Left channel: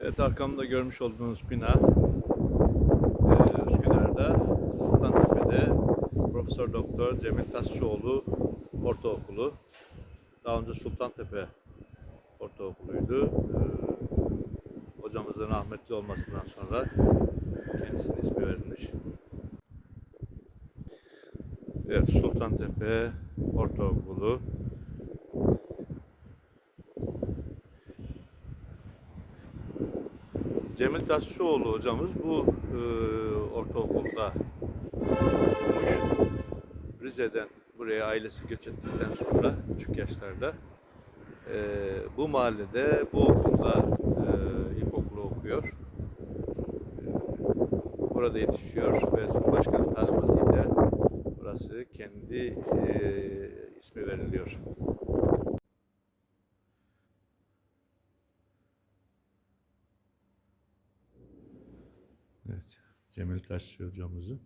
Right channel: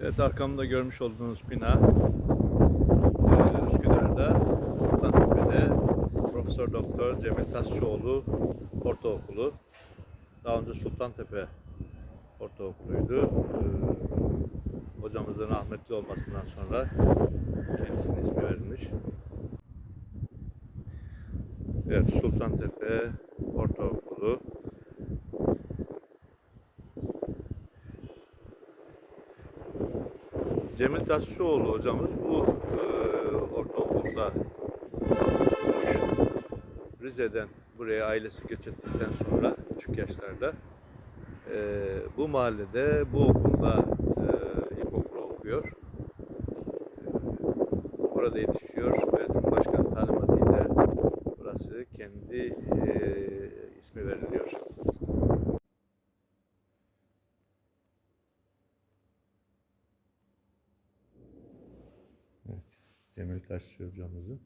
Evet arkamda görmüş olduğunuz bina e, Üsküdar'da Sultantepe'de Profesör Doktor Cemil Tasçıoğlu Ortaokulu. Daha önce Sultantepe Ortaokulu'ydu. E, hocamızın rahmetli olmasından sonra kendisinin ismi verilmiş. Evet Sultantepe Ortaokulu. Cemil Taşçıoğlu hocamız bu e, ortaokulda okumuş. Rize'den buraya ailesi göç ettikten sonra küçük yaşlarda e, bu mahallede bu okulda e, ilkokulu okuyor. E, Burada yetişiyor ve Cumhurbaşkanı talimatıyla burası kendi e, ismi veriliyor. Evet, Cemil Taşçı hocamızın